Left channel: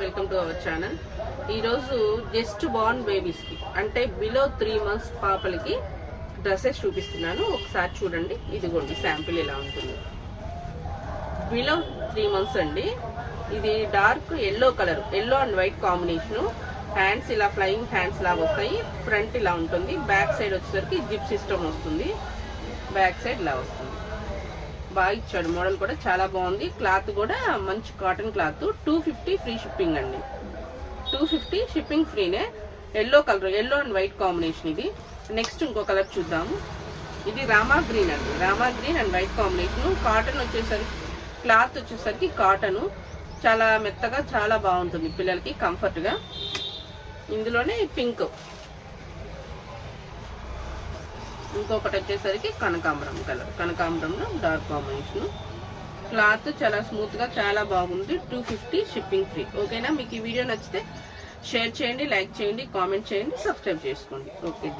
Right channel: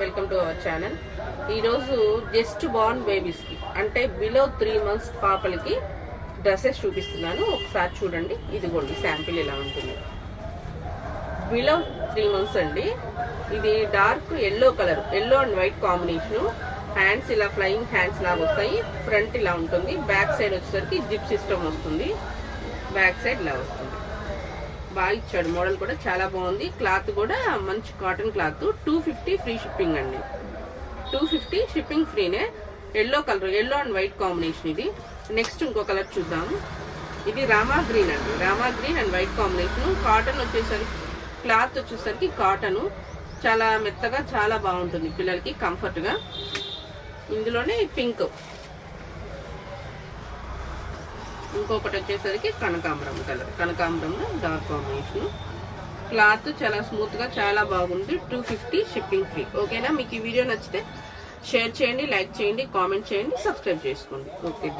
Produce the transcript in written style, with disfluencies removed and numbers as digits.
Welcome to our channel. ఈరోజు just born బేబీస్కి అంటే below 3 months పాపలకి dresses చూపిస్తున్నాను. ఒకసారి చూడండి. ఇదిగోండి శాంపిల్ ఇలా ఉంటుంది. బిలో 3 months అండి. ఇది dark yellow colour, yellow and white combination. Hands ఇలా ఫ్లయింగ్ హ్యాండ్స్ లాగా వస్తాయి. ఫ్రంట్ ఇలా ఉంటుంది. బ్యాక్ సైడ్ వచ్చేసరికి జిప్ సిస్టమ్ వస్తుంది. బ్యాక్ సైడ్ ఇలా వస్తుంది. బాగా ఇచ్చాడు. మోడల్ కూడా చాలా బాగుంది. క్లాత్ కూడా మంచి కాటన్ క్లాత్. 250 ఫ్రీ షిప్పింగ్ అండి. 250 షిప్పింగ్ ఫ్రీనే. Yellow colour, yellow and white combination ఇది. నెక్స్ట్ ఇంకో కలర్ చూద్దాము. ఇది రామా గ్రీన్ అండి. Rama green and white combination. Cotton వచ్చేసరికి, క్లాత్ వచ్చేసరికి కాటన్ చాలా మెత్తగా చాలా బాగుంటుంది పిల్లలకి కంఫర్ట్ గా. ఇందులోనే పింక్, ఇంకొకటి వచ్చేసరికి కనకాంబరం కలర్. కనకాంబరంలో డార్క్ కాంబినేషన్. క్లాత్ చాలా స్మూత్ గా చాలా బాగుంది. 250 షిప్పింగ్ ఫ్రీ. ఓకేనా? మీకు ఈ వీడియో నచ్చితే షేర్ చేయండి, లైక్ చేయండి, కామెంట్ చేయండి, సబ్స్క్రైబ్ చేసుకోండి. ఓకే.